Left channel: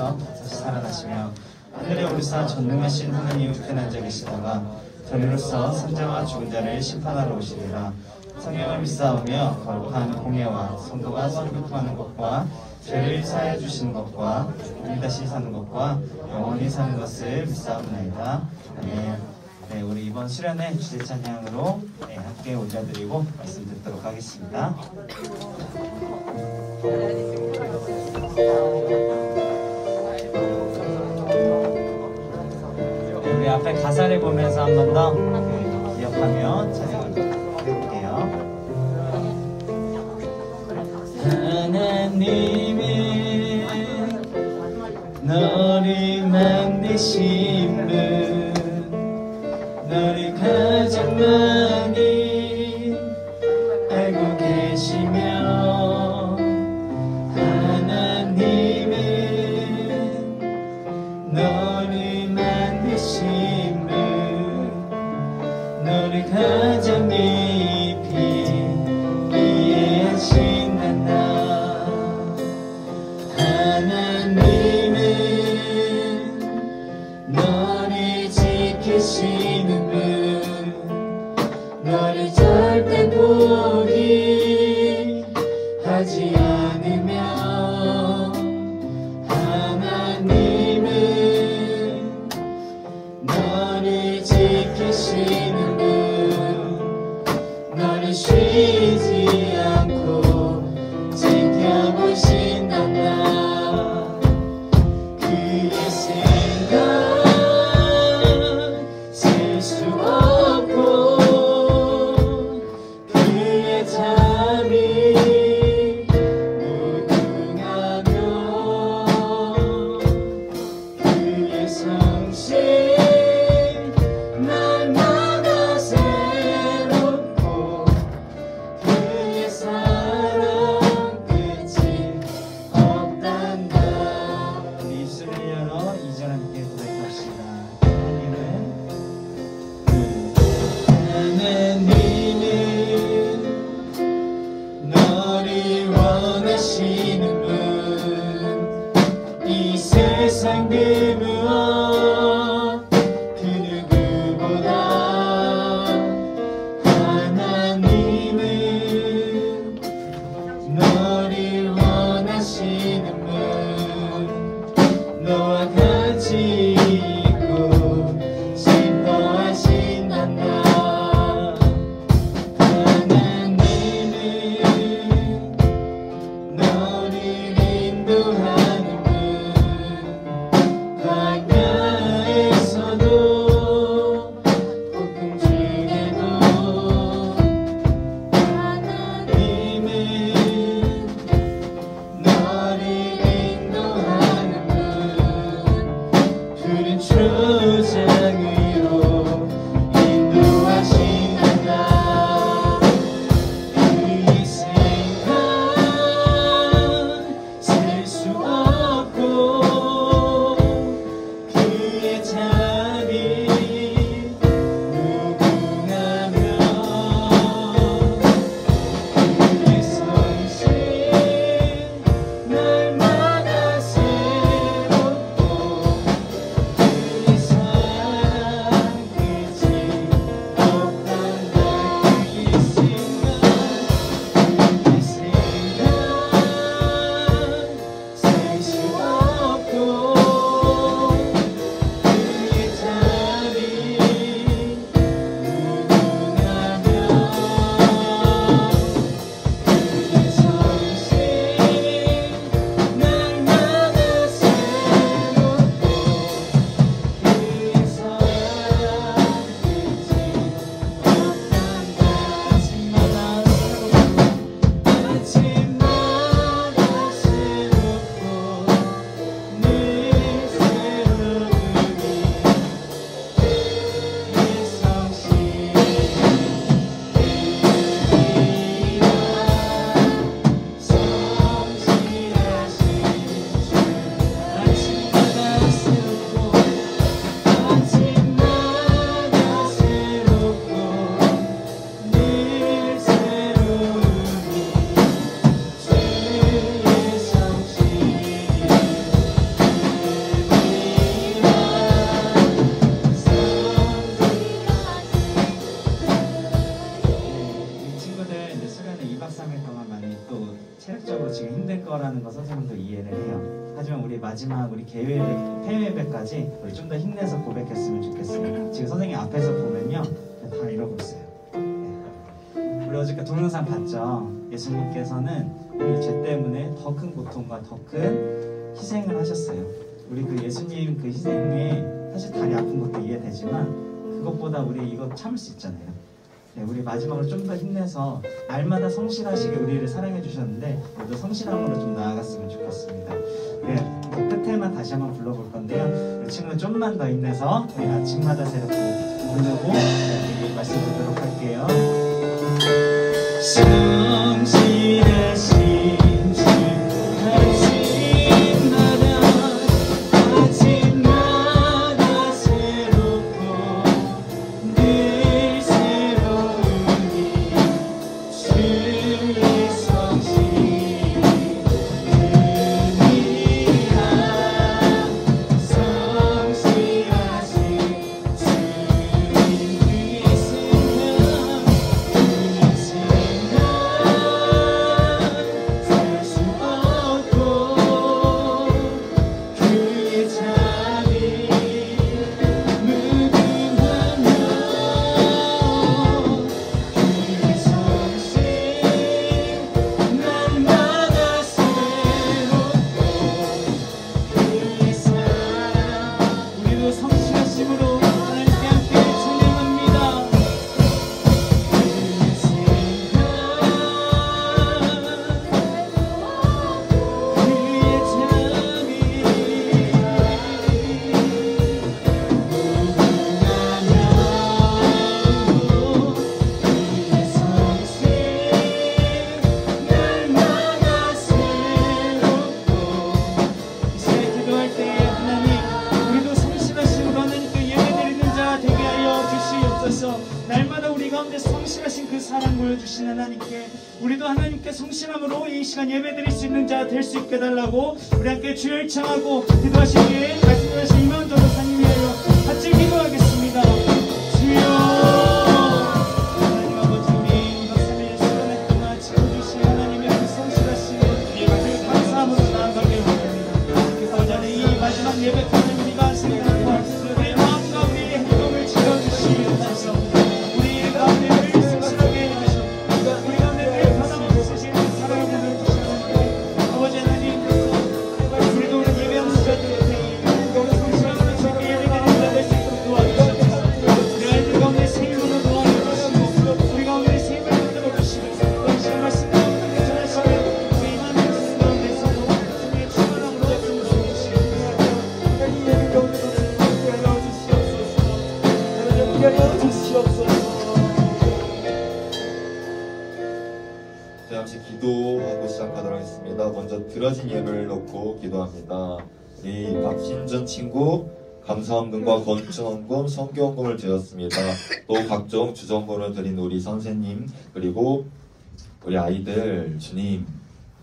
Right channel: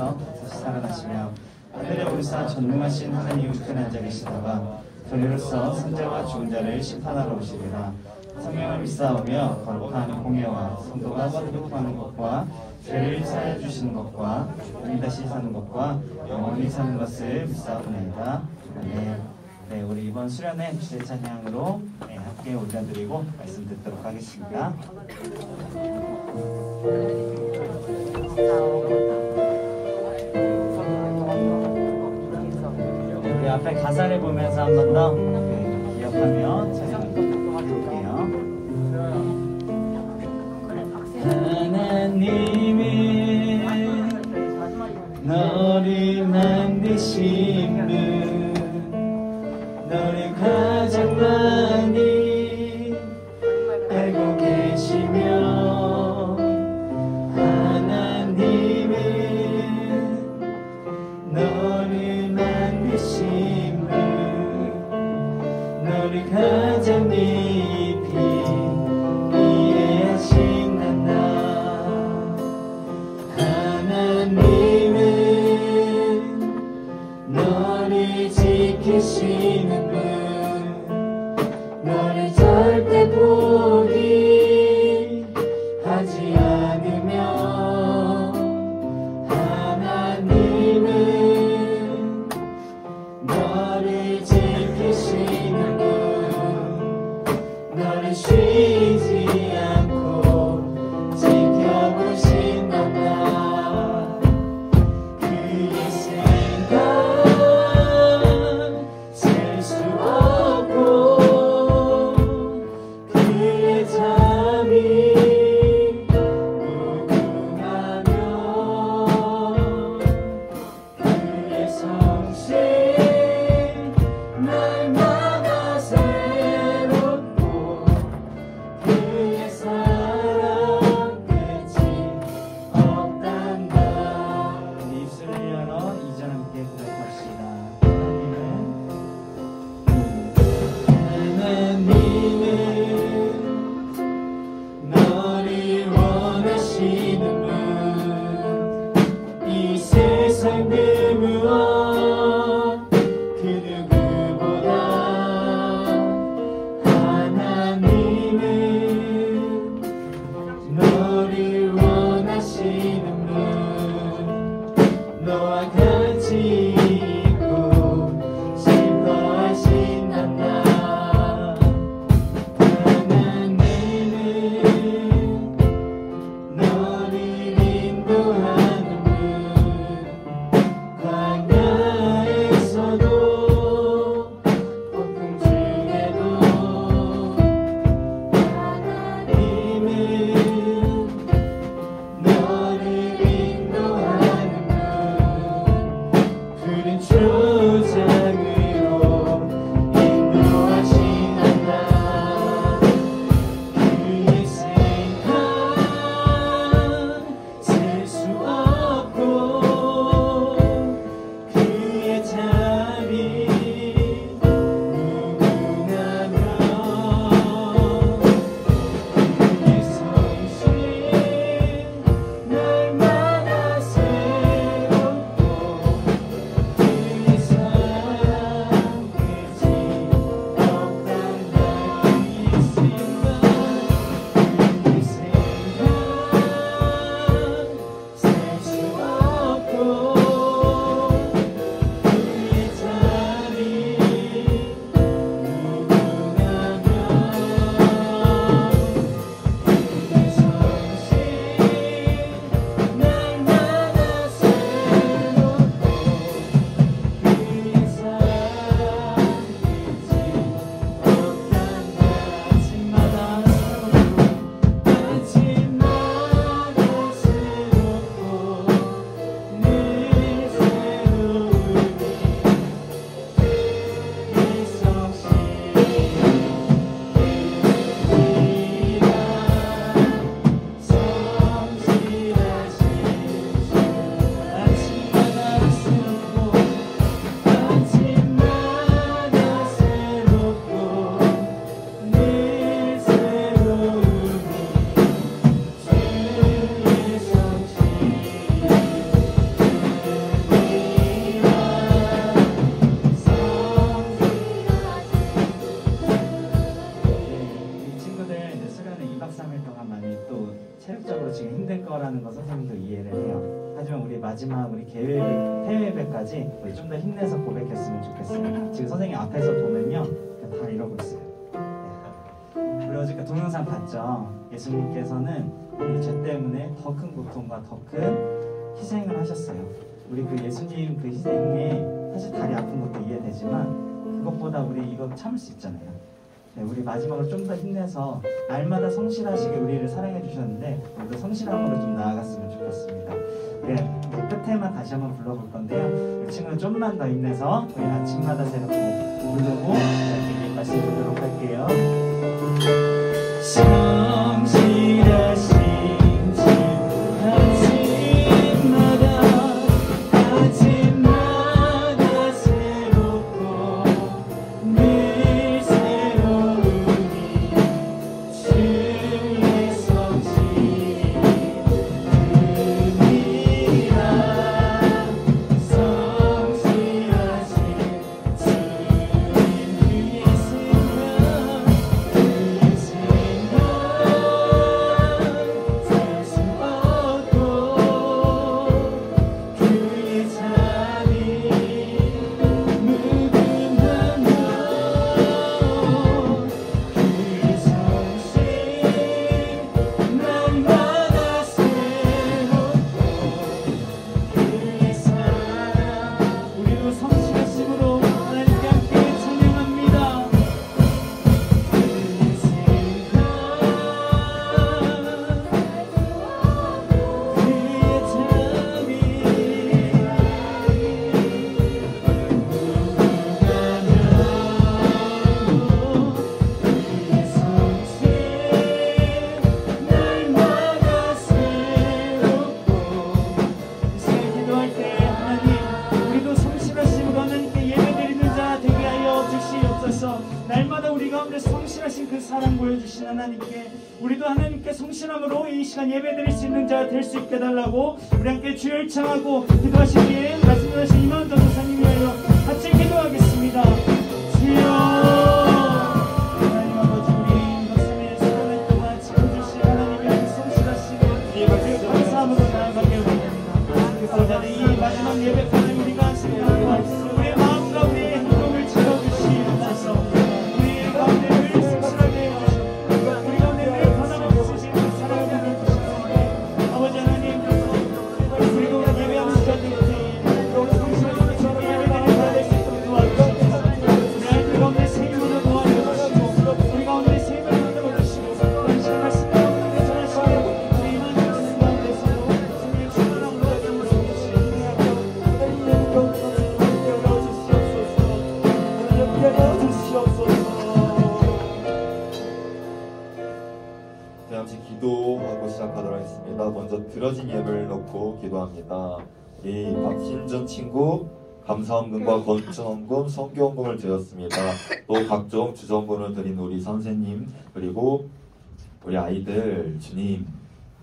속에서 반드시 살아나시며 하늘에 오르사 전능하신 하나님 우편에 앉아 계시다가 저희로서 산자와 죽은 자를 심판하러 오시리라. 성령을 믿사오며 거룩한 공예와 성도가 서로 교통하는 것과 죄를 사하여 주시는 것과 다시 사는 것과 영원히 사는 것을 믿사오나이다. 네, 우리 이번 수련회 주제 찬양으로 함께 올려드리고 말씀 듣도록 하겠습니다. 우리 앞에 가사를 보면서 한 번 더 기억하며 찬양을 드릴게요. 하나님은 너를 만드신 분, 너를 가장 많이 알고 계시며, 하나님은 너를 만드신 분, 너를 가장 깊이 이해하신단다. 하나님은 너를 지키시는 분, 너를 절대 포기하지 않으며, 하나님은 너를 지키시는 분, 너를 쉬지 않고 지켜보신단다. 그의 생각 셀 수 없고, 그의 잠이 무궁하며, 그의 성실 날마다 새롭고, 그의 사랑 끝이 없단다. 우리 입술을 열어 2절 함께 고백합시다. 하나님은 너를 원하시는 분, 이 세상 그 무엇 그 누구보다 하나님은 너를 원하시는 분, 너와 같이 있고 싶어하신단다. 하나님은 너를 인도하는 분, 광야에서도 폭풍 중에도 하나님은 너를 인도하는 분, 마지막 우리 대회 예배까지 우리 좀 더 힘내서 고백했으면 좋겠어요. 지금 선생님 앞에서 보면요, 다 이러고 있어요. 네. 우리 어저께 동영상 봤죠? 예수님께서는 이 죄 때문에 더 큰 고통과 더 큰 희생을 하셨어요. 우리 그 예수님 그 희생에 사실 다리 아픈 것도 이해되지만 그것보다 우리 이거 참을 수 있잖아요. 네, 우리 마지막으로 좀 더 힘내서 날마다 성실하시게 우리를 사랑해 주셨는데 우리도 성실함으로 좀 나아갔으면 좋겠습니다. 네, 끝에만 다시 한번 불러볼 건데요. 우리 친구는 좀만 더 힘내서 우리 아침마다 새롭게 부르고 우리에게 말씀 드리도록 할게요. 성실하신 날마다 우리 가운데 성실하신 그 사랑 보여주신 하나님께 우리도 하나님께 성실함으로 이 시간 예배드릴 수 있는 자 될 수 있게 달라고 우리 함께 주여 일창하고 기도하실 뒤에 말씀하신 이만 전도사님이 같이 기도하겠습니다. 주여 하나님 아버지 우리 말씀을 시간에 동안 지켜주신 하나님의 그 성실하신 그 감사함으로 나아가게 합니다. 그래서 이 마지막 예배 하나님 우리가 하시는 우리의 마음과 우리의 행동을 지켜주시옵소서. 잠시 기도하고 시작하도록 하겠습니다. 먼저 들어진 예배를 놓고 기도합니다. 우리 박신준 친구 감사원금과 건축원금, 성교원금을 드렸습니다. 또 각종 주정금을 드린 우리 선생님 그리고 우리 아이들 주님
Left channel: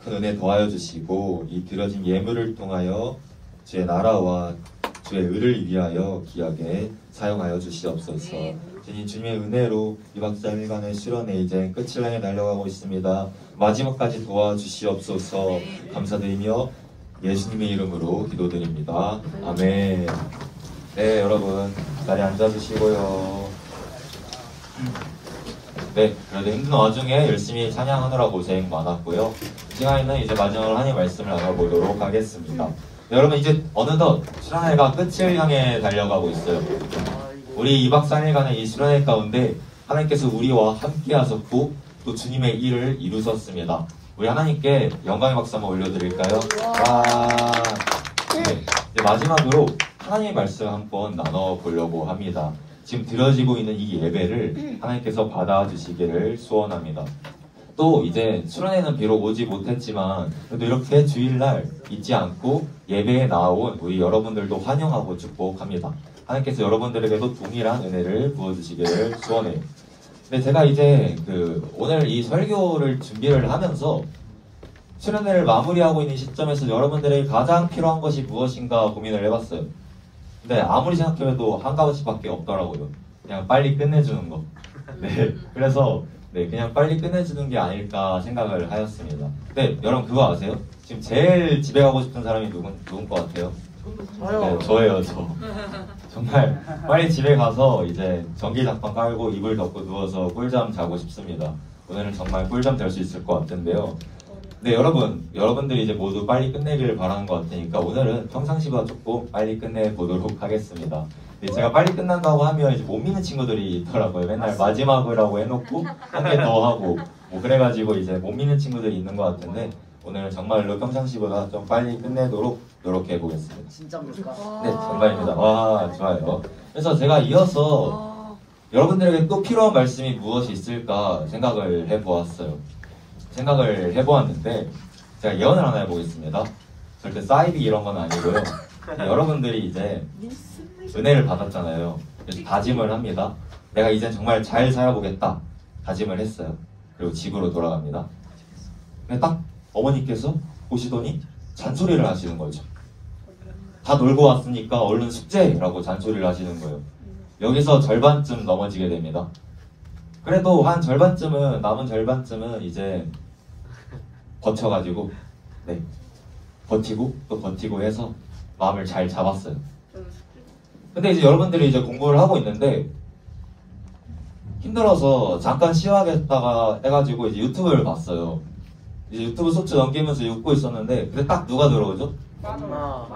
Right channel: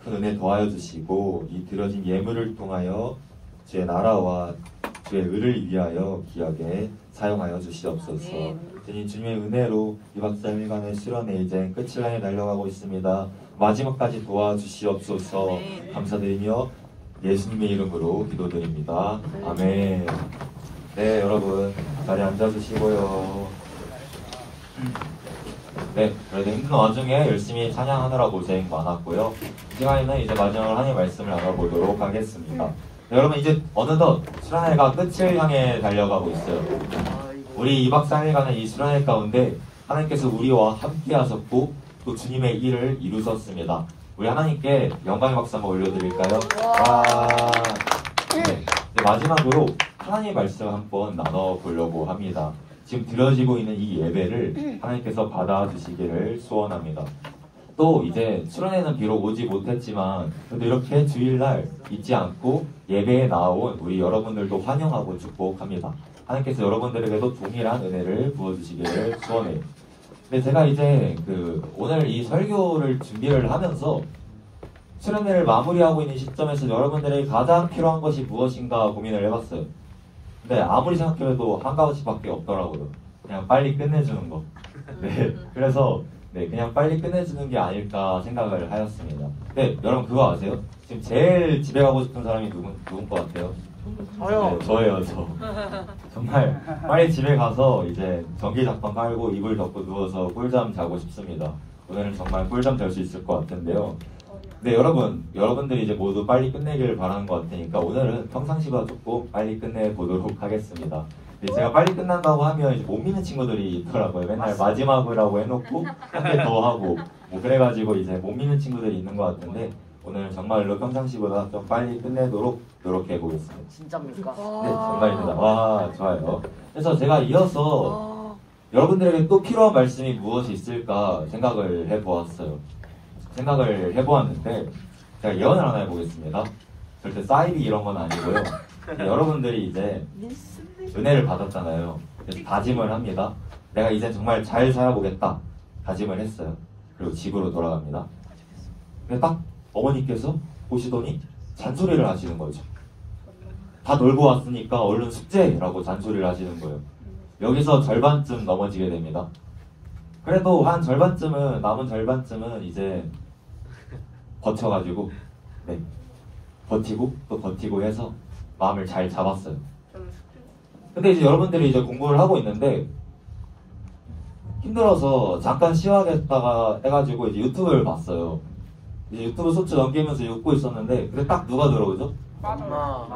큰 은혜 더하여 주시고 이 드려진 예물을 통하여 주의 나라와 주의 의를 위하여 기하게 사용하여 주시옵소서. 주님의 은혜로 2박 3일간의 실현에 이제 끝을 향해 달려가고 있습니다. 마지막까지 도와주시옵소서. 감사드리며 예수님의 이름으로 기도드립니다. 아멘. 네, 여러분 자리에 앉아주시고요. 네, 그래도 힘든 와중에 열심히 찬양하느라 고생 많았고요. 이 시간에는 이제 마지막으로 하나님의 말씀을 나눠보도록 하겠습니다. 네, 여러분 이제 어느덧 수련회가 끝을 향해 달려가고 있어요. 우리 2박 3일간의 이 수련회 가운데 하나님께서 우리와 함께 하셨고 또 주님의 일을 이루셨습니다. 우리 하나님께 영광의 박수 한번 올려드릴까요? 와. 네, 이제 마지막으로 하나님의 말씀 한번 나눠보려고 합니다. 지금 드려지고 있는 이 예배를 하나님께서 받아주시기를 소원합니다. 또 이제 수련회는 비록 오지 못했지만 그래도 이렇게 주일날 잊지 않고 예배에 나온 우리 여러분들도 환영하고 축복합니다. 하나님께서 여러분들에게도 동일한 은혜를 부어주시기를 소원해요. 근데 제가 이제 오늘 이 설교를 준비를 하면서 수련회를 마무리하고 있는 시점에서 여러분들에게 가장 필요한 것이 무엇인가 고민을 해봤어요. 근데 아무리 생각해도 한 가지밖에 없더라고요. 그냥 빨리 끝내주는 것. 네, 그래서 그냥 빨리 끝내주는 게 아닐까 생각을 하였습니다. 네, 여러분 그거 아세요? 지금 제일 집에 가고 싶은 사람이 누군 것 같아요? 네, 저예요, 저. 정말 빨리 집에 가서 이제 전기장판 깔고 이불 덮고 누워서 꿀잠 자고 싶습니다. 오늘은 정말 꿀잠 잘 수 있을 것 같은데요. 네, 여러분들이 이제 모두 빨리 끝내기를 바라는 것 같으니까 오늘은 평상시보다 조금 빨리 끝내보도록 하겠습니다. 네, 제가 빨리 끝난다고 하면 이제 못 믿는 친구들이 있더라고요. 맨날 마지막이라고 해놓고 한 개 더 하고 뭐 그래가지고 이제 못 믿는 친구들이 있는 것 같은데 오늘은 정말로 평상시보다 좀 빨리 끝내도록 노력해 보겠습니다. 진짜입니까? 네, 정말입니다. 와, 좋아요. 그래서 제가 이어서 여러분들에게 또 필요한 말씀이 무엇이 있을까 생각을 해보았어요. 생각을 해보았는데 제가 예언을 하나 해보겠습니다. 절대 사이비 이런 건 아니고요. 여러분들이 이제 은혜를 받았잖아요. 그래서 다짐을 합니다. 내가 이제 정말 잘 살아보겠다. 다짐을 했어요. 그리고 집으로 돌아갑니다. 근데 딱 어머니께서 보시더니 잔소리를 하시는 거죠. 다 놀고 왔으니까 얼른 숙제라고 잔소리를 하시는 거예요. 여기서 절반쯤 넘어지게 됩니다. 그래도 한 절반쯤은 남은 절반쯤은 이제 버텨가지고 네 버티고 또 버티고 해서 마음을 잘 잡았어요. 근데 이제 여러분들이 이제 공부를 하고 있는데 힘들어서 잠깐 쉬어야겠다가 해가지고 이제 유튜브를 봤어요. 이제 유튜브 쇼츠 넘기면서 읽고 있었는데 근데 딱 누가 들어오죠?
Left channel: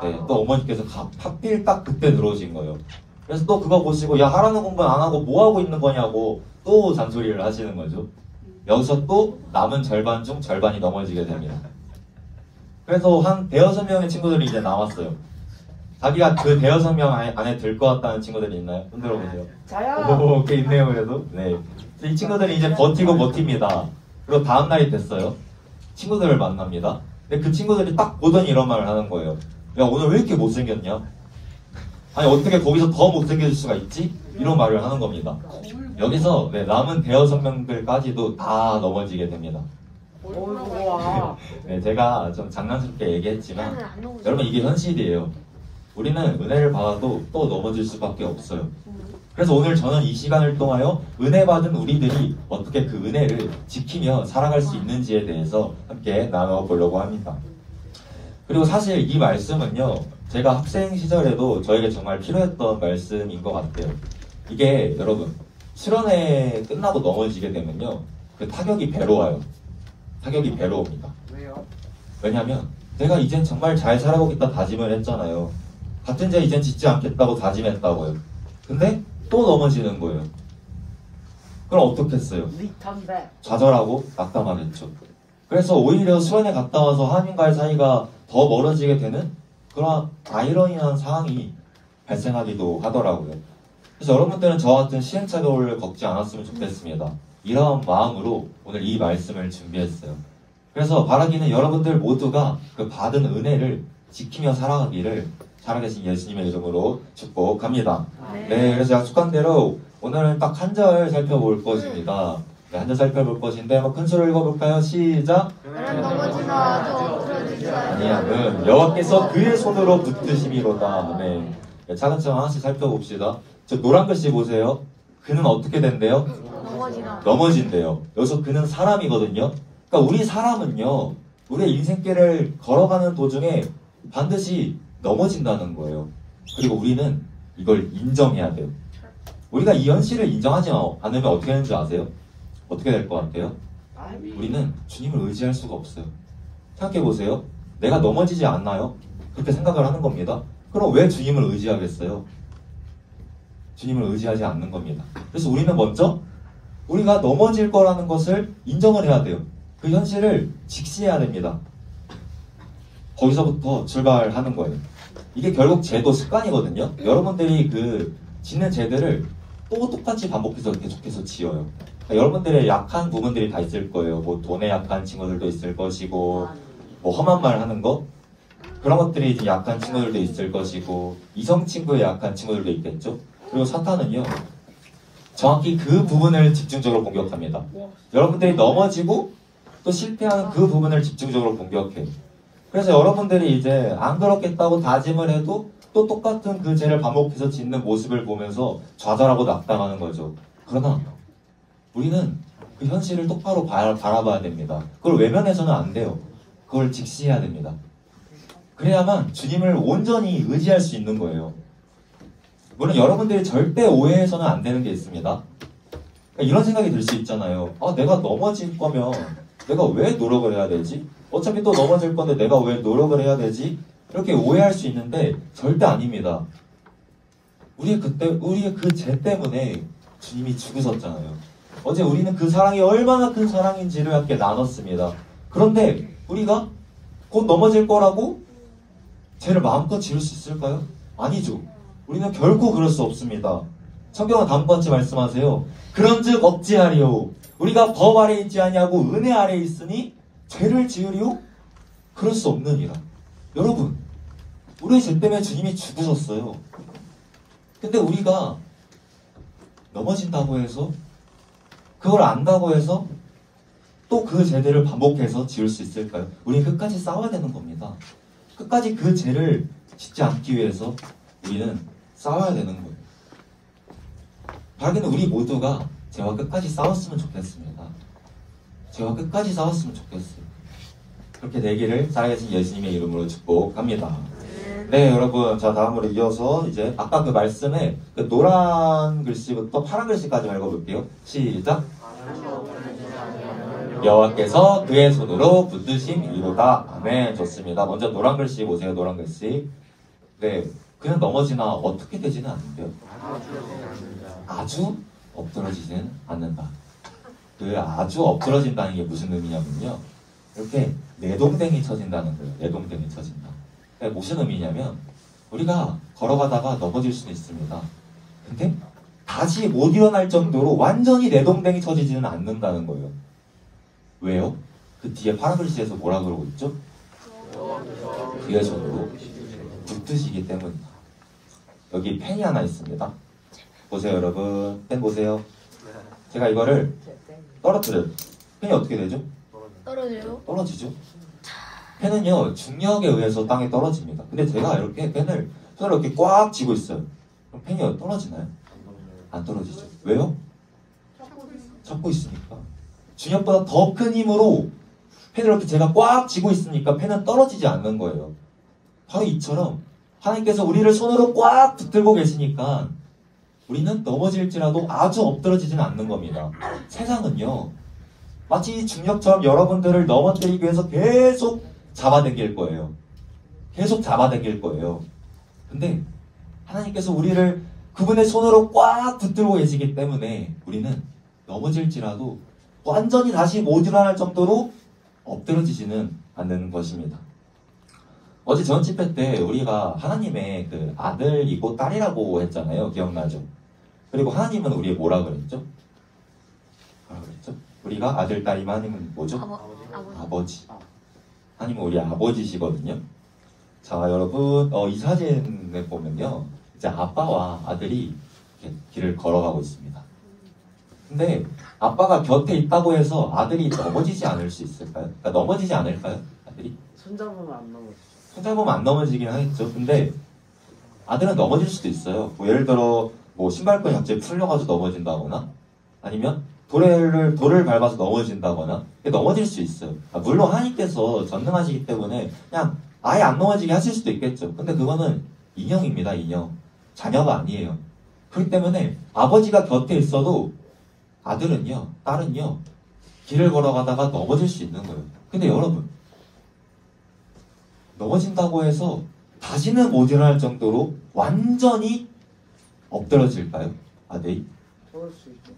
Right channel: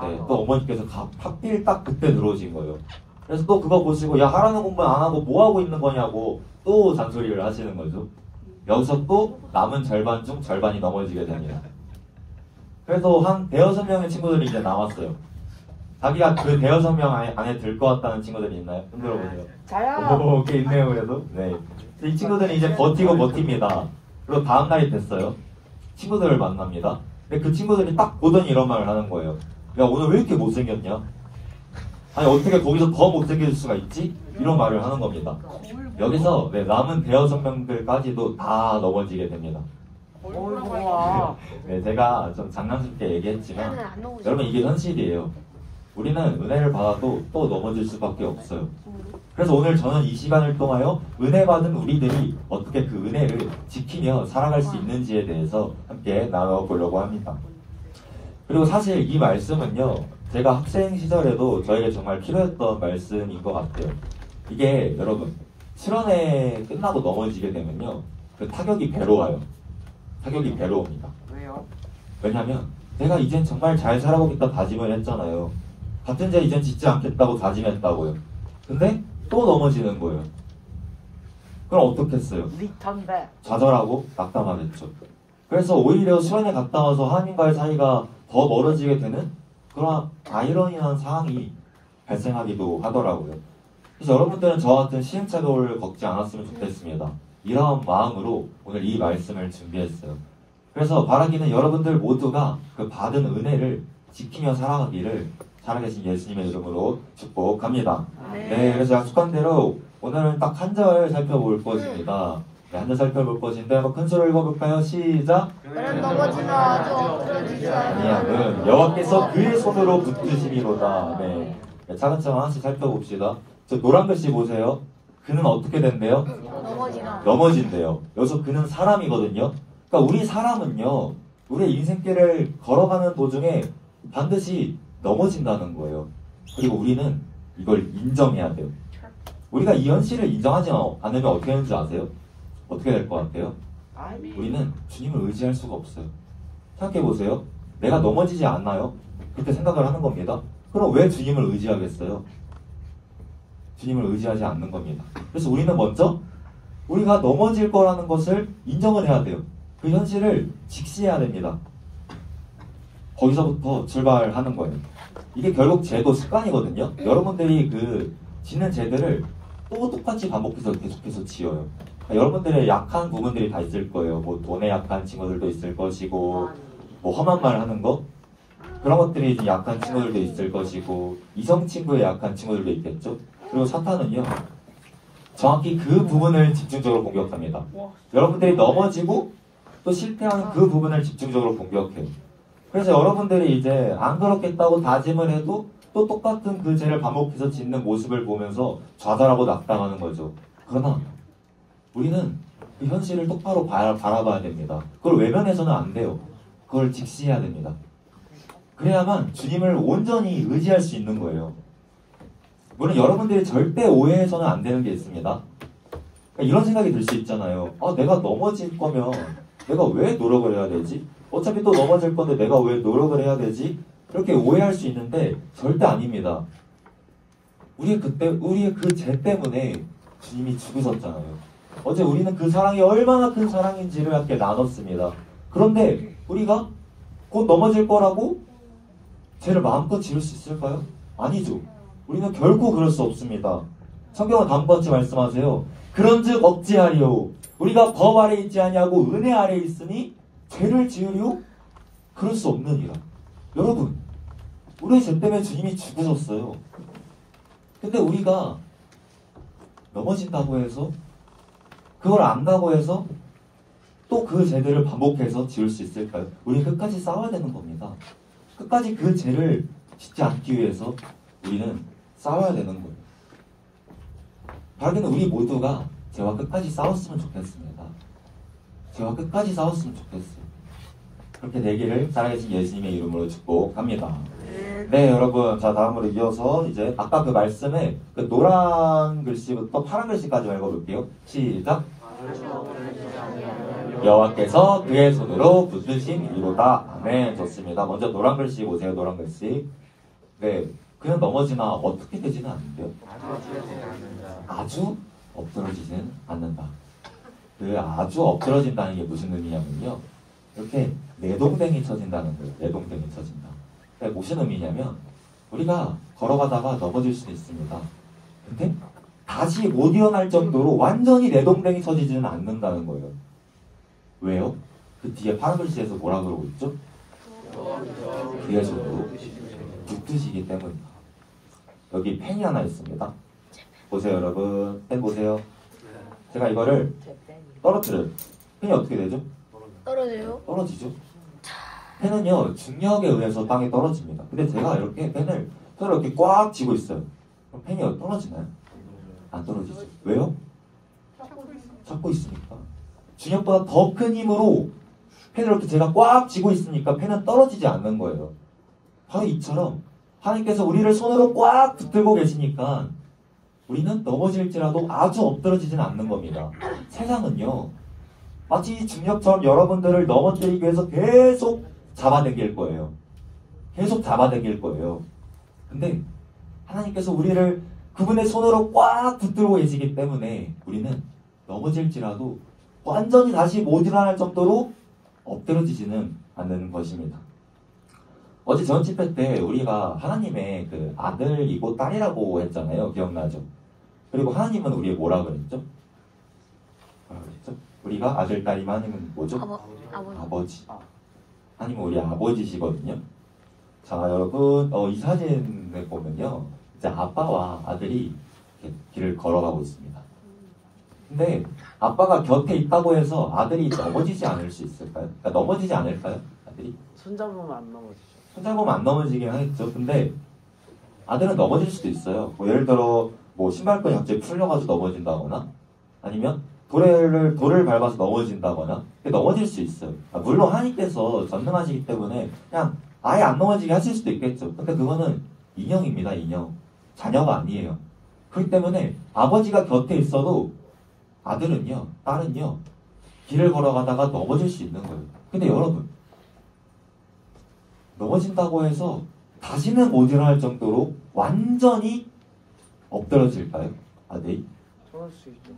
네, 또 어머니께서 하필 딱 그때 들어오신 거예요. 그래서 또 그거 보시고 야 하라는 공부 안 하고 뭐 하고 있는 거냐고 또 잔소리를 하시는 거죠. 여기서 또 남은 절반 중 절반이 넘어지게 됩니다. 그래서 한 대여섯 명의 친구들이 이제 나왔어요. 자기가 그 대여섯 명 안에 들 것 같다는 친구들이 있나요? 흔들어 보세요. 저요. 꽤 있네요 그래도. 네. 이 친구들이 이제 버티고 버팁니다. 그리고 다음 날이 됐어요. 친구들을 만납니다. 근데 그 친구들이 딱 보더니 이런 말을 하는 거예요. 야 오늘 왜 이렇게 못생겼냐? 아니 어떻게 거기서 더 못생겨질 수가 있지? 이런 말을 하는 겁니다. 여기서 네, 남은 대여섯 명들까지도 다 넘어지게 됩니다. 우와. 네, 제가 좀 장난스럽게 얘기했지만 여러분 이게 현실이에요. 우리는 은혜를 받아도 또 넘어질 수밖에 없어요. 그래서 오늘 저는 이 시간을 통하여 은혜 받은 우리들이 어떻게 그 은혜를 지키며 살아갈 수 있는지에 대해서 함께 나눠보려고 합니다. 그리고 사실 이 말씀은요, 제가 학생 시절에도 저에게 정말 필요했던 말씀인 것 같아요. 이게 여러분, 수련회 끝나고 넘어지게 되면요, 그 타격이 배로 와요. 타격이 배로 옵니다. 왜요? 왜냐면 내가 이젠 정말 잘 살아보겠다 다짐을 했잖아요. 같은 죄 이젠 짓지 않겠다고 다짐했다고요. 근데 또 넘어지는 거예요. 그럼 어떻겠어요? 리턴백. 좌절하고 낙담하겠죠. 그래서 오히려 수련회 갔다 와서 하나님과의 사이가 더 멀어지게 되는 그런 아이러니한 상황이 발생하기도 하더라고요. 그래서 여러분들은 저와 같은 시행착오를 겪지 않았으면 좋겠습니다. 이러한 마음으로 오늘 이 말씀을 준비했어요. 그래서 바라기는 여러분들 모두가 그 받은 은혜를 지키며 살아가기를 살아계신 예수님의 이름으로 축복합니다. 네, 그래서 약속한 대로 오늘은 딱 한 절 살펴볼 것입니다. 네, 한 절 살펴볼 것인데 한번 큰 소리로 읽어볼까요? 시작! 아니야, 여호와께서 그의 손으로 붙드심이로다. 네, 차근차근 하나씩 살펴봅시다. 저 노란 글씨 보세요. 그는 어떻게 된대요? 넘어진대요. 여기서 그는 사람이거든요. 그러니까 우리 사람은요, 우리의 인생길을 걸어가는 도중에 반드시 넘어진다는 거예요. 그리고 우리는 이걸 인정해야 돼요. 우리가 이 현실을 인정하지 않으면 어떻게 되는 줄 아세요? 어떻게 될 것 같아요? 우리는 주님을 의지할 수가 없어요. 생각해 보세요. 내가 넘어지지 않나요? 그렇게 생각을 하는 겁니다. 그럼 왜 주님을 의지하겠어요? 주님을 의지하지 않는 겁니다. 그래서 우리는 먼저 우리가 넘어질 거라는 것을 인정을 해야 돼요. 그 현실을 직시해야 됩니다. 거기서부터 출발하는 거예요. 이게 결국 죄도 습관이거든요. 여러분들이 그 짓는 죄들을 또 똑같이 반복해서 계속해서 지어요. 그러니까 여러분들의 약한 부분들이 다 있을 거예요. 뭐 돈에 약한 친구들도 있을 것이고, 뭐 험한 말 하는 거 그런 것들이 이제 약한 친구들도 있을 것이고, 이성 친구에 약한 친구들도 있겠죠. 그리고 사탄은요, 정확히 그 부분을 집중적으로 공격합니다. 여러분들이 넘어지고 또 실패하는 그 부분을 집중적으로 공격해요. 그래서 여러분들이 이제 안 그렇겠다고 다짐을 해도 또 똑같은 그 죄를 반복해서 짓는 모습을 보면서 좌절하고 낙담하는 거죠. 그러나 우리는 그 현실을 똑바로 바라봐야 됩니다. 그걸 외면해서는 안 돼요. 그걸 직시해야 됩니다. 그래야만 주님을 온전히 의지할 수 있는 거예요. 물론 여러분들이 절대 오해해서는 안 되는 게 있습니다. 그러니까 이런 생각이 들 수 있잖아요. 내가 넘어질 거면 내가 왜 노력을 해야 되지? 어차피 또 넘어질 건데 내가 왜 노력을 해야 되지? 이렇게 오해할 수 있는데 절대 아닙니다. 우리의 그 죄 때문에 주님이 죽으셨잖아요. 어제 우리는 그 사랑이 얼마나 큰 사랑인지를 함께 나눴습니다. 그런데 우리가 곧 넘어질 거라고 죄를 마음껏 지을 수 있을까요? 아니죠. 우리는 결코 그럴 수 없습니다. 성경은 다음과 같이 말씀하세요. 그런즉 억지하리요. 우리가 법 아래 있지 아니하고 은혜 아래 있으니 죄를 지으리요? 그럴 수 없느니라. 여러분, 우리의 죄 때문에 주님이 죽으셨어요. 근데 우리가 넘어진다고 해서 그걸 안다고 해서 또 그 죄들을 반복해서 지을 수 있을까요? 우리는 끝까지 싸워야 되는 겁니다. 끝까지 그 죄를 짓지 않기 위해서 우리는 싸워야 되는 거예요. 바라기는 우리 모두가 죄와 끝까지 싸웠으면 좋겠습니다. 죄와 끝까지 싸웠으면 좋겠어요. 그렇게 되기를 살아계신 예수님의 이름으로 축복합니다. 네, 여러분. 자, 다음으로 이어서 이제 아까 그 말씀에 그 노란 글씨부터 파란 글씨까지 읽어볼게요. 시작. 여호와께서 그의 손으로 붙드신 이로다. 아멘. 좋습니다. 먼저 노란 글씨 보세요. 노란 글씨. 네, 그냥 넘어지나 어떻게 되지는 않는데요. 아주 엎드러지지는 않는다. 그 아주 엎드러진다는 게 무슨 의미냐면요. 이렇게 내동댕이 쳐진다는 거예요. 내동댕이 쳐진다. 그러니까 무슨 의미냐면 우리가 걸어가다가 넘어질 수도 있습니다. 근데 다시 못 일어날 정도로 완전히 내동댕이 쳐지지는 않는다는 거예요. 왜요? 그 뒤에 파란 글씨에서 뭐라 그러고 있죠? 그의 손으로 붙드시기 때문이다. 여기 펜이 하나 있습니다. 보세요, 여러분. 펜 보세요. 제가 이거를 떨어뜨려요. 펜이 어떻게 되죠? 떨어져요? 떨어지죠. 펜은요, 중력에 의해서 땅에 떨어집니다. 근데 제가 이렇게 펜을 손으로 이렇게 꽉 쥐고 있어요. 그럼 펜이 떨어지나요? 안 떨어지죠. 왜요? 잡고 있으니까. 중력보다 더 큰 힘으로 펜을 이렇게 제가 꽉 쥐고 있으니까 펜은 떨어지지 않는 거예요. 바로 이처럼 하나님께서 우리를 손으로 꽉 붙들고 계시니까 우리는 넘어질지라도 아주 엎드러지지는 않는 겁니다. 세상은요, 마치 중력처럼 여러분들을 넘어뜨리기 위해서 계속 잡아당길 거예요. 계속 잡아당길 거예요. 근데 하나님께서 우리를 그분의 손으로 꽉 붙들고 계시기 때문에 우리는 넘어질지라도 완전히 다시 못 일어날 정도로 엎드러지지는 않는 것입니다. 어제 전 집회 때 우리가 하나님의 그 아들이고 딸이라고 했잖아요. 기억나죠? 그리고 하나님은 우리 뭐라 그랬죠? 뭐라 그랬죠? 우리가 아들, 딸이면 하나님은 뭐죠? 아버지. 하나님은 우리 아버지시거든요. 자, 여러분, 이 사진을 보면요. 이제 아빠와 아들이 이렇게 길을 걸어가고 있습니다. 근데 아빠가 곁에 있다고 해서 아들이 넘어지지 않을 수 있을까요? 그러니까 넘어지지 않을까요? 아들이? 손잡으면 안 넘어져. 손잡으면 안 넘어지긴 하겠죠. 근데 아들은 넘어질 수도 있어요. 뭐 예를 들어 뭐 신발끈이 갑자기 풀려가지고 넘어진다거나 아니면 돌을 밟아서 넘어진다거나 넘어질 수 있어요. 물론 하나님께서 전능하시기 때문에 그냥 아예 안 넘어지게 하실 수도 있겠죠. 근데 그거는 인형입니다. 인형. 자녀가 아니에요. 그렇기 때문에 아버지가 곁에 있어도 아들은요, 딸은요, 길을 걸어가다가 넘어질 수 있는 거예요. 근데 여러분, 넘어진다고 해서 다시는 못 일어날 정도로 완전히 엎드러질까요? 아들이? 그럴 수 있죠.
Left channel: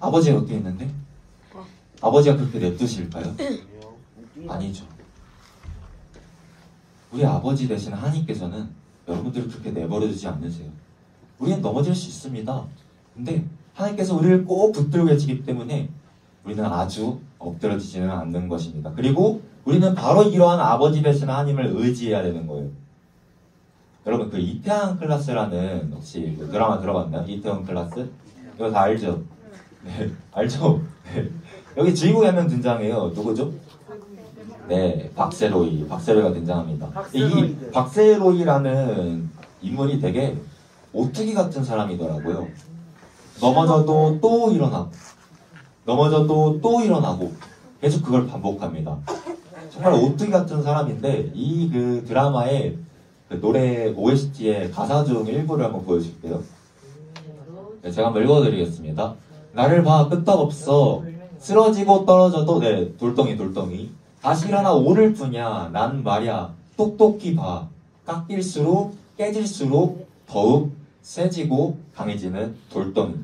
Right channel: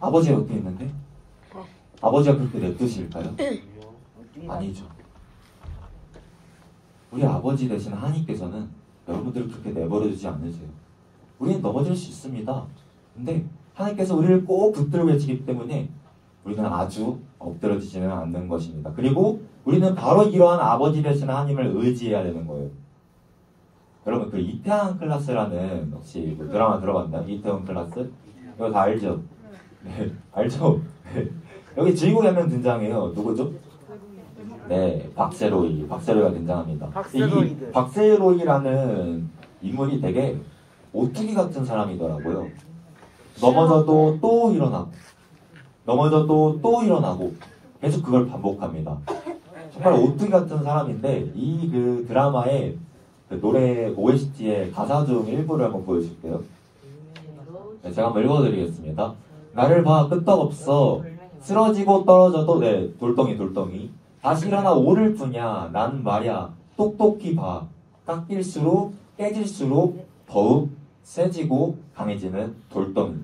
아버지가 어떻게 했는데? 아버지가 그렇게 냅두실까요? 아니죠. 우리 아버지 되신 하나님께서는 여러분들을 그렇게 내버려두지 않으세요. 우리는 넘어질 수 있습니다. 근데 하나님께서 우리를 꼭 붙들고 계시기 때문에 우리는 아주 엎드러지지는 않는 것입니다. 그리고 우리는 바로 이러한 아버지 되신 하나님을 의지해야 되는 거예요. 여러분, 그 이태원 클라스라는 혹시 그 드라마 들어봤나요? 이태원 클라스? 이거 다 알죠? 네, 알죠? 네. 여기 주인공이 한 명 등장해요. 누구죠? 네, 박세로이가 등장합니다. 이 박세로이라는 인물이 되게 오뚜기 같은 사람이더라고요. 넘어져도 또 일어나고, 넘어져도 또 일어나고, 계속 그걸 반복합니다. 정말 오뚜기 같은 사람인데 이 그 드라마의 그 노래 OST의 가사 중 일부를 한번 보여줄게요. 네, 제가 한번 읽어드리겠습니다. 나를 봐 끄떡없어 쓰러지고 떨어져도 네 돌덩이 다시 일어나 오를 뿐이야 난 말야 똑똑히 봐 깎일수록 깨질수록 더욱 세지고 강해지는 돌덩이.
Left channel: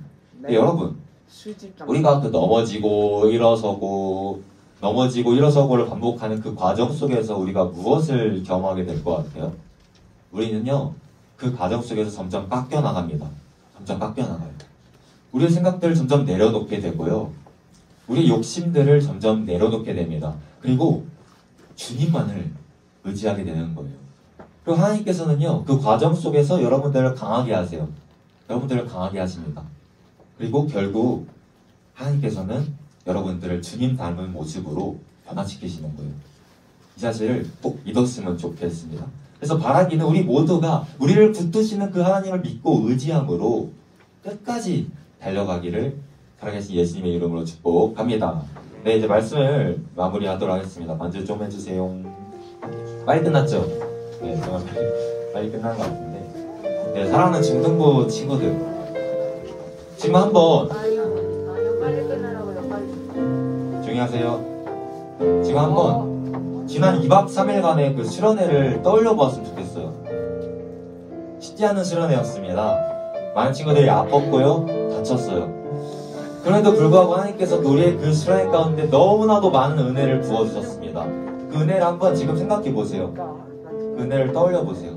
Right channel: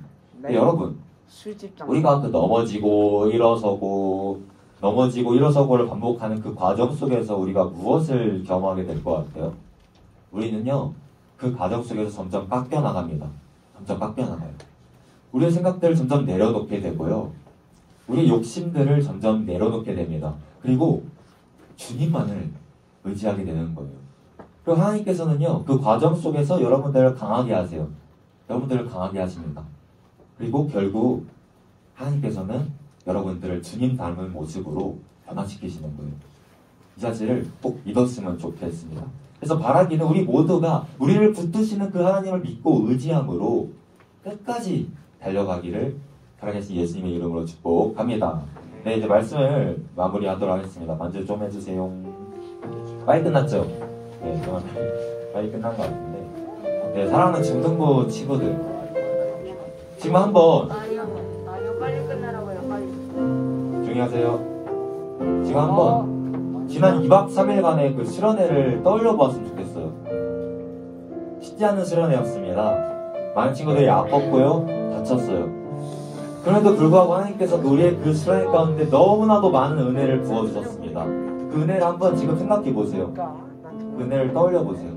네, 여러분 술집 우리가 그 넘어지고 일어서고를 반복하는 그 과정 속에서 우리가 무엇을 경험하게 될 것 같아요? 우리는요 그 과정 속에서 점점 깎여 나갑니다. 점점 깎여 나가요. 우리의 생각들을 점점 내려놓게 되고요. 우리의 욕심들을 점점 내려놓게 됩니다. 그리고 주님만을 의지하게 되는 거예요. 그리고 하나님께서는요 그 과정 속에서 여러분들을 강하게 하세요. 여러분들을 강하게 하십니다. 그리고 결국 하나님께서는 여러분들을 주님 닮은 모습으로 변화시키시는 거예요. 이 사실을 꼭 믿었으면 좋겠습니다. 그래서 바라기는 우리 모두가 우리를 붙드시는 그 하나님을 믿고 의지함으로 끝까지 달려가기를 살아계신 예수님의 이름으로 축복합니다. 네, 이제 말씀을 마무리하도록 하겠습니다. 반주 좀 해주세요. 빨리 끝났죠? 네, 정말 빨리 끝난 것 같은데. 네, 사랑하는 중등부 친구들. 지금 한번 조용히 하세요. 지금 한번 지난 2박 3일간의 그 수련회를 떠올려 보았으면 좋겠어요. 쉽지 않은 수련회였습니다. 많은 친구들이 아팠고요, 다쳤어요. 그럼에도 불구하고 하나님께서 우리의 그 수련회 가운데 너무나도 많은 은혜를 부어주셨습니다. 그 은혜를 한번 지금 생각해 보세요. 그 은혜를 떠올려 보세요.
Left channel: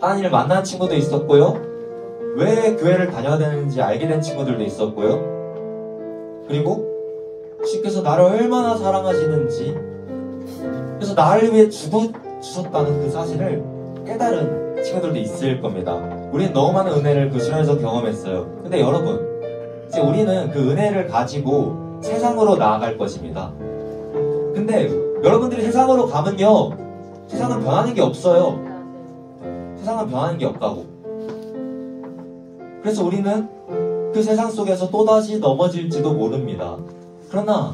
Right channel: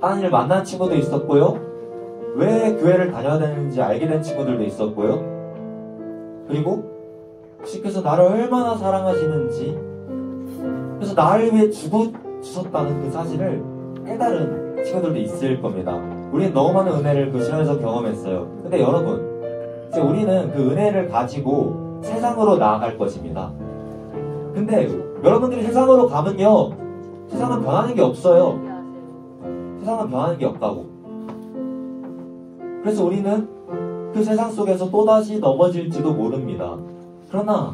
하나님을 만난 친구도 있었고요, 왜 교회를 다녀야 되는지 알게 된 친구들도 있었고요, 그리고 주께서 나를 얼마나 사랑하시는지, 그래서 나를 위해 주셨다는 그 사실을 깨달은 친구들도 있을 겁니다. 우리는 너무 많은 은혜를 그 수련에서 경험했어요. 근데 여러분, 이제 우리는 그 은혜를 가지고 세상으로 나아갈 것입니다. 근데 여러분들이 세상으로 가면요, 세상은 변하는 게 없어요. 세상은 변하는 게 없다고. 그래서 우리는 그 세상 속에서 또다시 넘어질지도 모릅니다. 그러나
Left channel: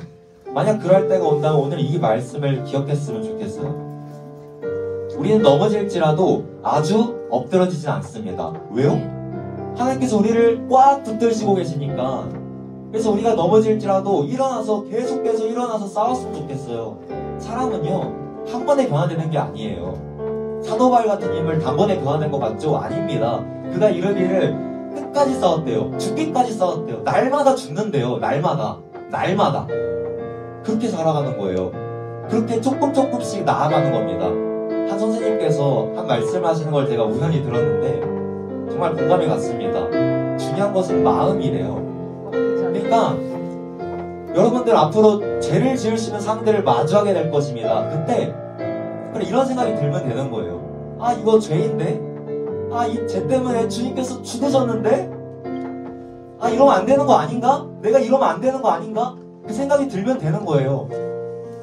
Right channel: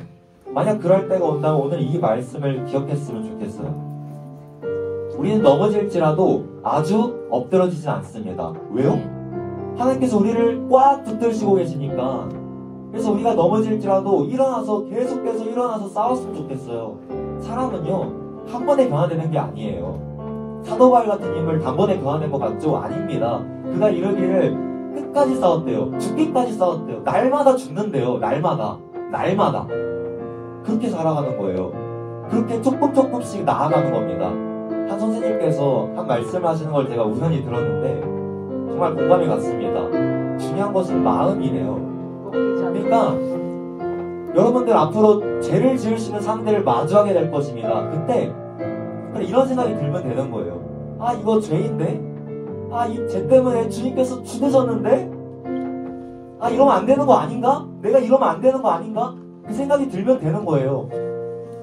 만약 그럴 때가 온다면 오늘 이 말씀을 기억했으면 좋겠어요. 우리는 넘어질지라도 아주 엎드러지진 않습니다. 왜요? 하나님께서 우리를 꽉 붙드시고 계시니까. 그래서 우리가 넘어질지라도 일어나서 계속해서 일어나서 싸웠으면 좋겠어요. 사람은요 한 번에 변화되는 게 아니에요. 사도 바울 같은 인물 단번에 변화된 것 같죠? 아닙니다. 그가 이르기를 끝까지 싸웠대요. 죽기까지 싸웠대요. 날마다 죽는데요. 날마다 그렇게 살아가는 거예요. 그렇게 조금씩 나아가는 겁니다. 한 선생님께서 한 말씀을 하시는 걸 제가 우연히 들었는데 정말 공감이 갔습니다. 중요한 것은 마음이래요. 그러니까 여러분들 앞으로 죄를 지으시는 상대를 마주하게 될 것입니다. 그때 이런 생각이 들면 되는 거예요. 아, 이거 죄인데? 아, 이 죄 때문에 주님께서 죽으셨는데? 아, 이러면 안 되는 거 아닌가? 내가 이러면 안 되는 거 아닌가? 그 생각이 들면 되는 거예요.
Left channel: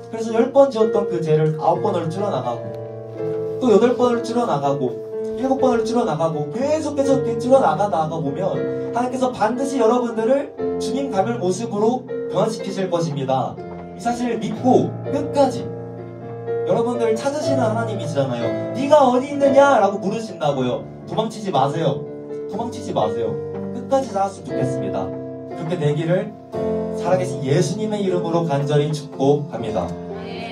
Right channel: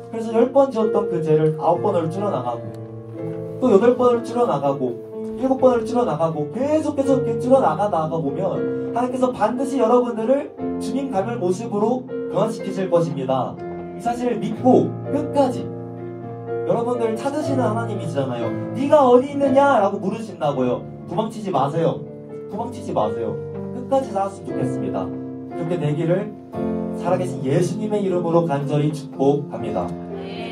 그래서 10번 지었던 그 죄를 9번으로 줄여나가고, 또 8번으로 줄여나가고, 7번으로 줄여나가고, 계속해서 이렇게 줄여나가다가 보면 하나님께서 반드시 여러분들을 주님 닮을 모습으로 변화시키실 것입니다. 이 사실을 믿고 끝까지 여러분들을 찾으시는 하나님이시잖아요. 네가 어디 있느냐? 라고 물으신다고요. 도망치지 마세요. 끝까지 살았으면 좋겠습니다. 그렇게 되기를 살아계신 예수님의 이름으로 간절히 축복합니다.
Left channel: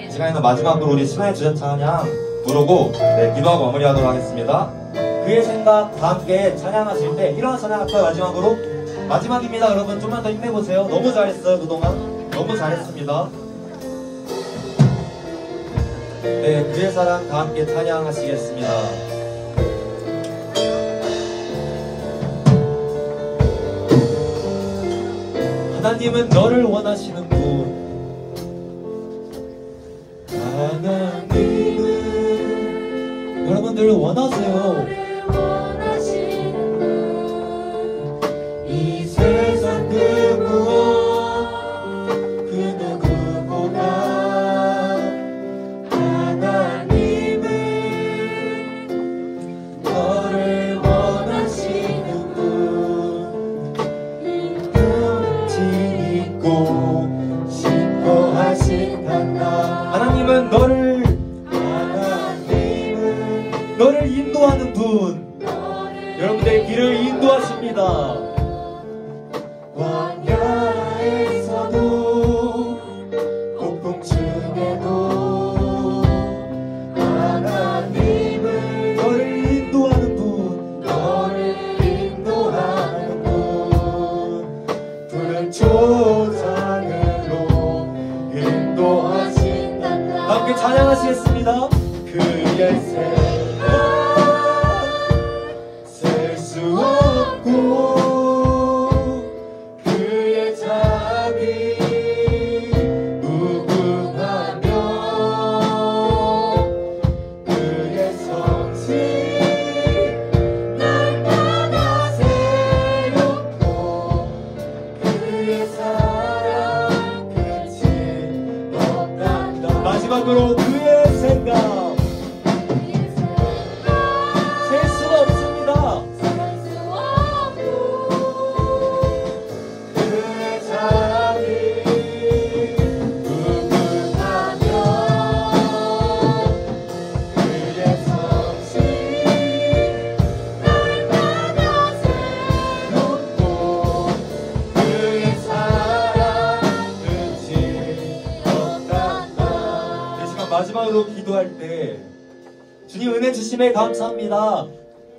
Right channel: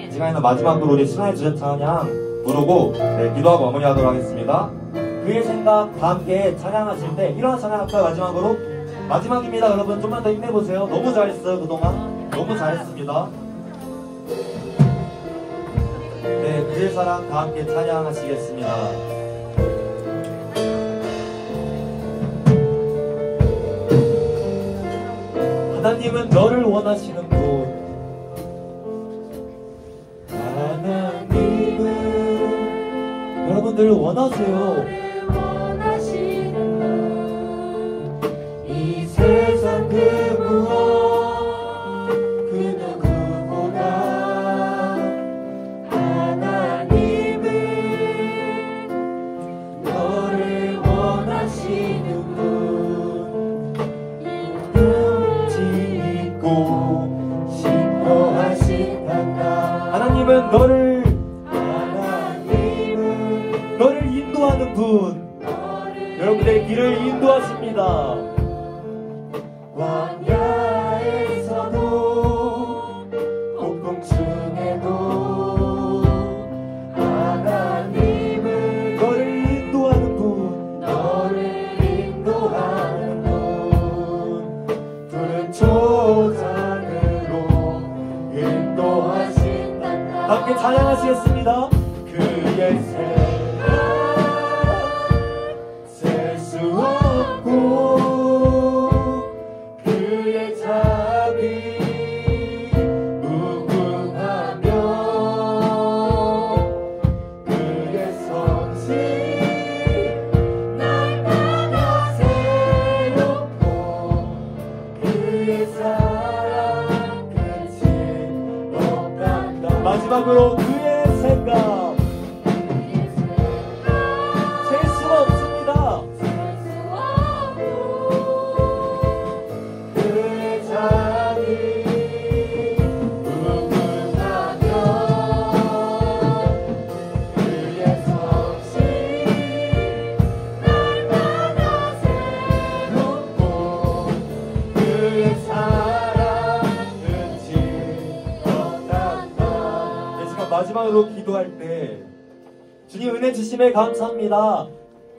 시간에는 마지막으로 우리 신화의 주제 찬양 부르고 기도하고 마무리하도록 하겠습니다. 그의 생각 다 함께 찬양하실 때 일어나 찬양할까요? 마지막입니다. 여러분 좀만 더 힘내보세요. 너무 잘했어요. 그동안 너무 잘했습니다. 네, 그의 사랑 다 함께 찬양하시겠습니다. 하나님은 너를 원하시는 분, 하나님은 여러분들을 원하세요. 이 세상 그 무엇 그 누구보다 하나님은 너를 원하시는 분, 능지 있고 신고하신단다. 하나님은 너 분 여러분들의 길을 인도하십니다. 광야에서도 폭풍 중에도 하나님을 너를 인도하는 분, 너를 인도하는 분 푸른 초장으로 인도하신단다. 함께 찬양하시겠습니다. 그의 생각 셀 수 없고 그의 자비 무궁하며 그의 성실 날마다 새롭고 그의 사랑 끝이 없단다. 마지막으로 그의 생각 셀 수가 없습니다. 그의 자비 무궁하며 그의 성실 날마다 새롭고 그의 사랑 끝이 없단다. 이 시간 마지막으로 기도할 때 주님 은혜 주심에 감사합니다.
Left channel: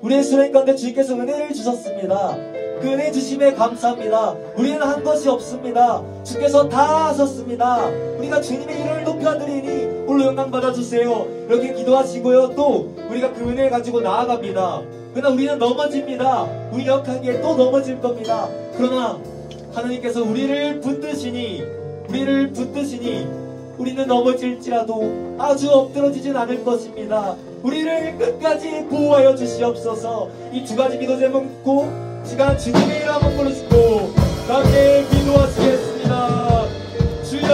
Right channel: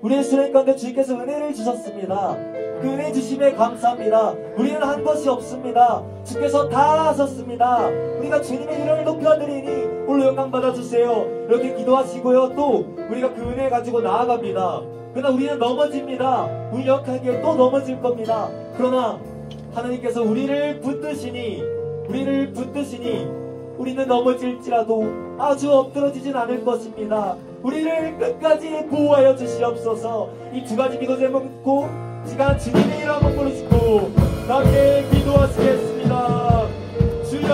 우리의 수련 가운데 주님께서 은혜를 주셨습니다. 그 은혜 주심에 감사합니다. 우리는 한 것이 없습니다. 주께서 다 하셨습니다. 우리가 주님의 이름을 높여드리니 홀로 영광 받아주세요. 이렇게 기도하시고요. 또 우리가 그 은혜를 가지고 나아갑니다. 그러나 우리는 넘어집니다. 우리 역하기에 또 넘어질 겁니다. 그러나 하나님께서 우리를 붙드시니 우리는 넘어질지라도 아주 엎드러지진 않을 것입니다. 우리를 끝까지 보호하여 주시옵소서. 이 두 가지 기도 제목 묻고 시간 주님의 이름 한번 부르시고 함께 기도하시겠습니다. 주여,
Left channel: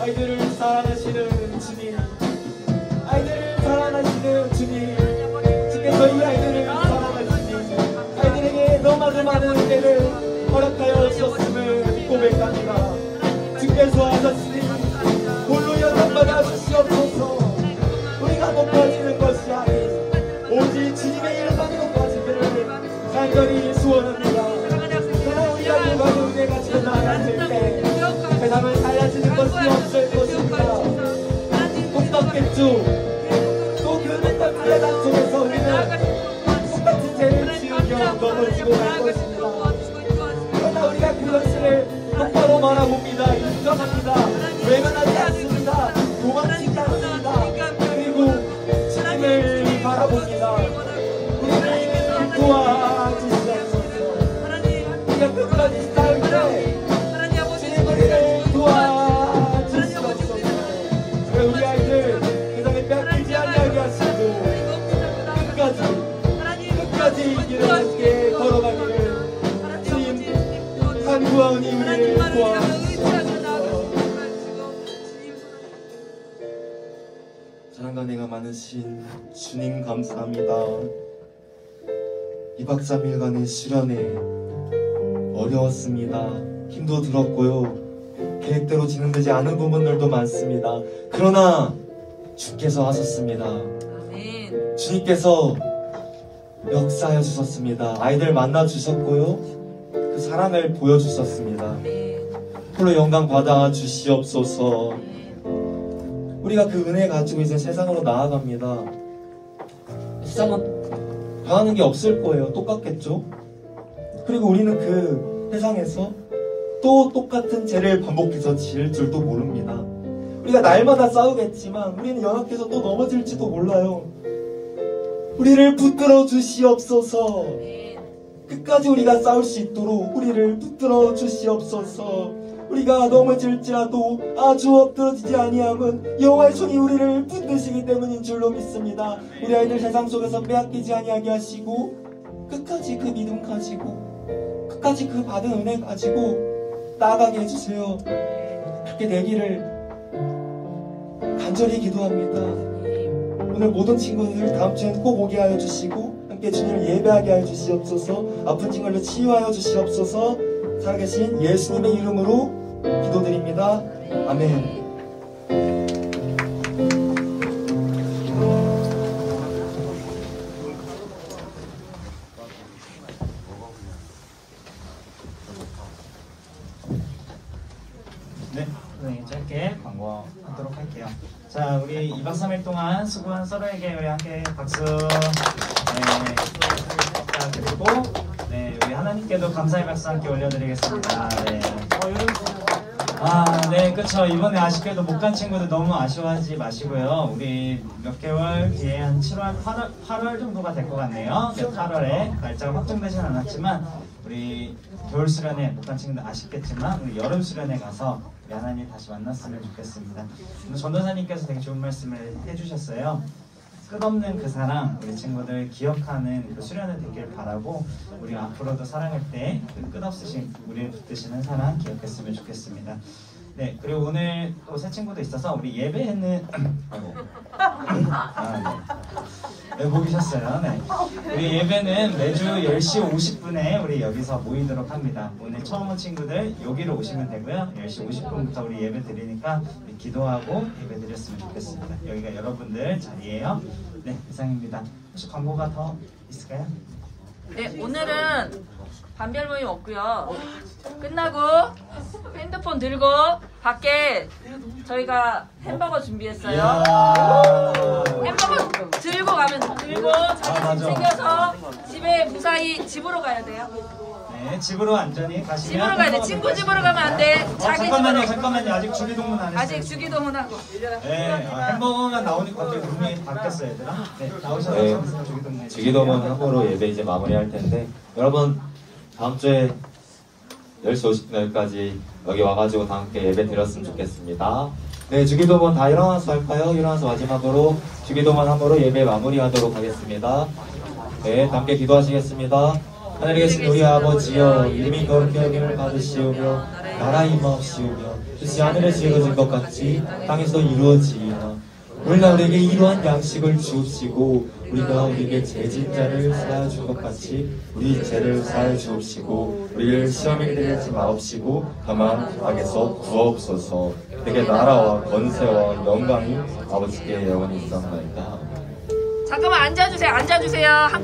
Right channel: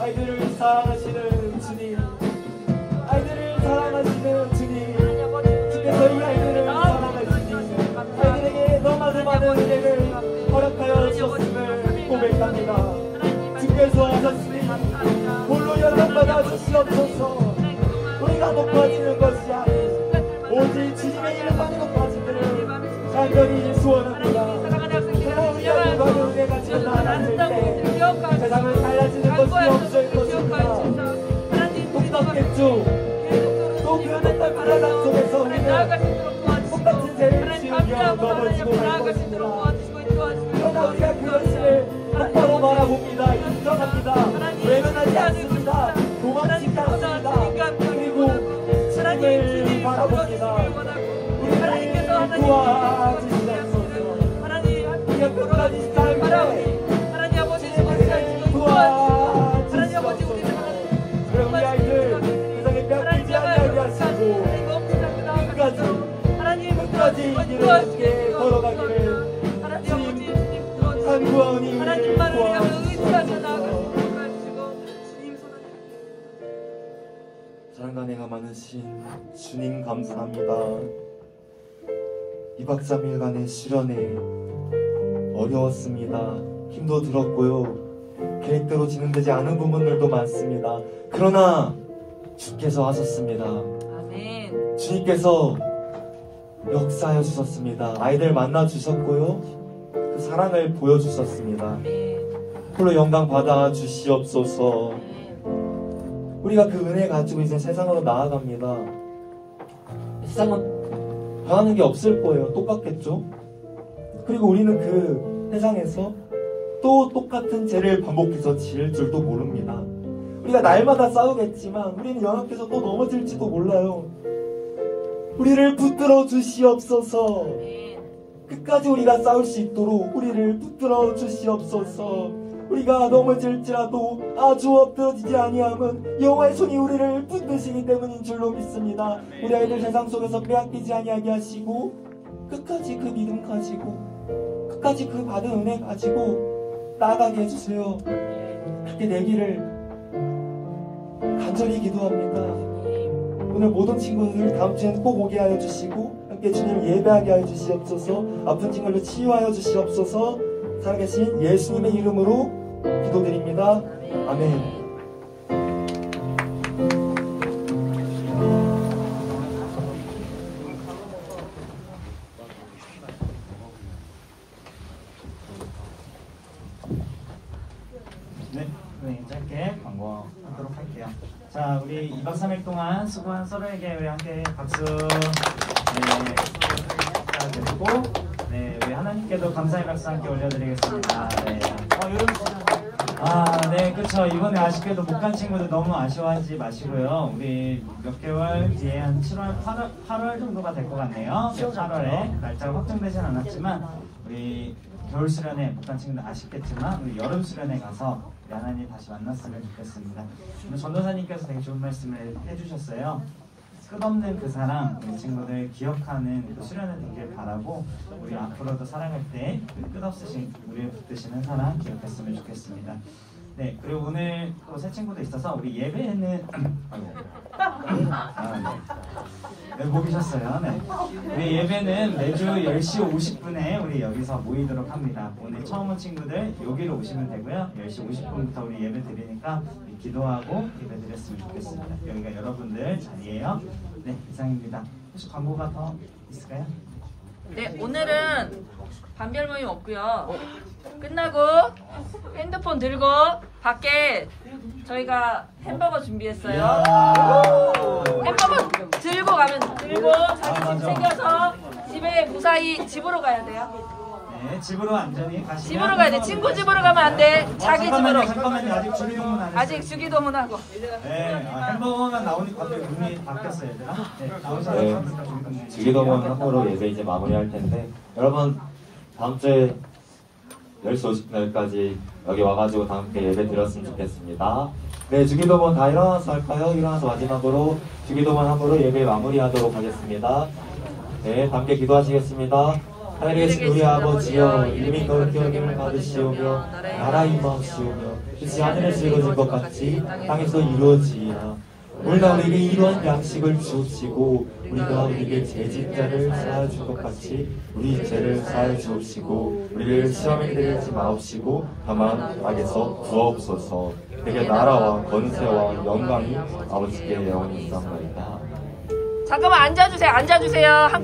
아이들을 사랑하시는 주님, 아이들을 사랑하시는 주님, 주께서 이 아이들을 사랑하시니 아이들에게 너무나도 많은 은혜를 허락하여 주셨음을 고백합니다. 주께서 하셨으니 홀로 연락받아 주시옵소서. 우리가 높아지는 것이 아닌 오직 주님의 이름만 높아지기를 간절히 소원합니다. 그러나 우리 아들과 은혜 가지고 나아갈 때 세상을 달라지는 것이 없을 것입니다. 똑같겠죠. 또 그 똑같은 나아간 속에서 우리는 똑같은 죄를 지으며 넘어지고 갈 것입니다. 그러나 우리가 그것을 똑바로 말아봅니다. 인정합니다. 외면하지 않습니다. 도망치지 않습니다. 그리고 주님을 바라봅니다. 우리를 도와주시옵소서. 우리가 끝까지 살 때 주님을 도와주시옵소서. 왜 우리 아이들 세상에 뺏기지 않게 하시고 끝까지 이 길을 함께 걸어가기를 주님 간구하오니 우리를 도와주시옵소서. 사랑과 내가 많으신 주님 감사합니다. 2박 3일간의 수련회 어려웠습니다. 힘도 들었고요. 계획대로 진행되지 않은 부분들도 많습니다. 그러나 주께서 하셨습니다. 아멘. 주님께서 역사하여 주셨습니다. 아이들 만나 주셨고요. 그 사랑을 보여주셨습니다. 아멘. 홀로 영광 받아 주시옵소서. 아멘. 우리가 그 은혜 가지고 이제 세상으로 나아갑니다. 세상은 변하는 게 없을 거예요. 똑같겠죠? 그리고 우리는 그 세상에서 또 똑같은 죄를 반복해서 지을 줄도 모릅니다. 우리가 날마다 싸우겠지만 우리는 연합해서 또 넘어질지도 몰라요. 우리를 붙들어 주시옵소서. 아멘. 끝까지 우리가 싸울 수 있도록 우리를 붙들어 주시옵소서. 우리가 넘어질지라도 아주 엎드러지지 아니함은 여호와의 손이 우리를 붙드시기 때문인 줄로 믿습니다. 우리 아이들 세상 속에서 빼앗기지 아니하게 하시고 끝까지 그 믿음 가지고 끝까지 그 받은 은혜 가지고 나아가게 해주세요. 그렇게 되기를 간절히 기도합니다. 오늘 모든 친구들 다음 주에는 꼭 오게 하여 주시고 함께 주님을 예배하게 하여 주시옵소서. 아픈 친구를 치유하여 주시옵소서. 살아계신 예수님의 이름으로 기도드립니다. 아멘. 2박 3일 동안 수고한 서로에게 우리 함께 박수 드리고, 네, 우리 하나님께도 감사의 박수 함께 올려드리겠습니다. 네. 네, 그쵸. 이번에 아쉽게도 못 간 친구들 너무 아쉬워하지 마시고요. 우리 몇 개월 뒤에 한 7월, 8월 정도가 될 것 같네요. 네, 8월에 날짜가 확정되진 않았지만, 우리 겨울 수련회 못 간 친구들 아쉽겠지만, 우리 여름 수련회 가서 우리 하나님 다시 만났으면 좋겠습니다. 오늘 전도사님께서 되게 좋은 말씀을 해주셨어요. 끝없는 그 사랑, 우리 친구들 기억하는 그 수련회 되길 바라고, 우리 앞으로도 살아갈 때 그 끝없으신 우리를 붙드시는 사랑 기억했으면 좋겠습니다. 네, 그리고 오늘 또 새 친구도 있어서 우리 예배는 네, 모이셨어요. 네, 우리 예배는 매주 10시 50분에 우리 여기서 모이도록 합니다. 오늘 처음 온 친구들 여기로 오시면 되고요. 10시 50분부터 우리 예배 드리니까 우리 기도하고 예배 드렸으면 좋겠습니다. 여기가 여러분들 자리예요. 네, 이상입니다. 혹시 광고가 더 있을까요? 네, 오늘은 반별 모임 없고요. 끝나고 핸드폰 들고 밖에 저희가 햄버거 준비했어요. 이야. 햄버거 들고 자기 집 챙겨서 집에 무사히 집으로 가야 돼요. 네, 집으로 안전히 가시면. 집으로 가야 돼. 친구 집으로 가면 안 돼. 자기 집으로. 잠깐만요. 아직 주기도문 안 했어요. 아직 주기도문하고. 네, 햄버거만 나오니까 갑자기 눈이 바뀌었어요, 얘들아. 네, 나오셔서 네, 주기도문. 주기도문 함으로 예배 이제 마무리할 텐데, 여러분 다음 주에 10시 50분까지 여기 와가지고 다 함께 예배 드렸으면 좋겠습니다. 네, 주기도문 다 일어나서 할까요? 일어나서 마지막으로 주기도문 함으로 예배 마무리하도록 하겠습니다. 네, 함께 기도하시겠습니다. 하늘에 계신 우리 아버지여, 이름이 거룩히 여김을 받으시오며 나라 임하옵시오며 뜻이 하늘에서 이루어진 것 같이 땅에서 이루어지이다. 오늘날 우리에게 이러한 양식을 주옵시고 우리가 우리에게 죄진 자를 사하여 준 것 같이 우리 죄를 사하여 주옵시고 우리를 시험에 들이지 마옵시고 다만 악에서 구하옵소서. 되게 나라와 권세와 영광이 아버지께 영원히 있사옵나이다. 잠깐만 앉아주세요. 한꺼번에.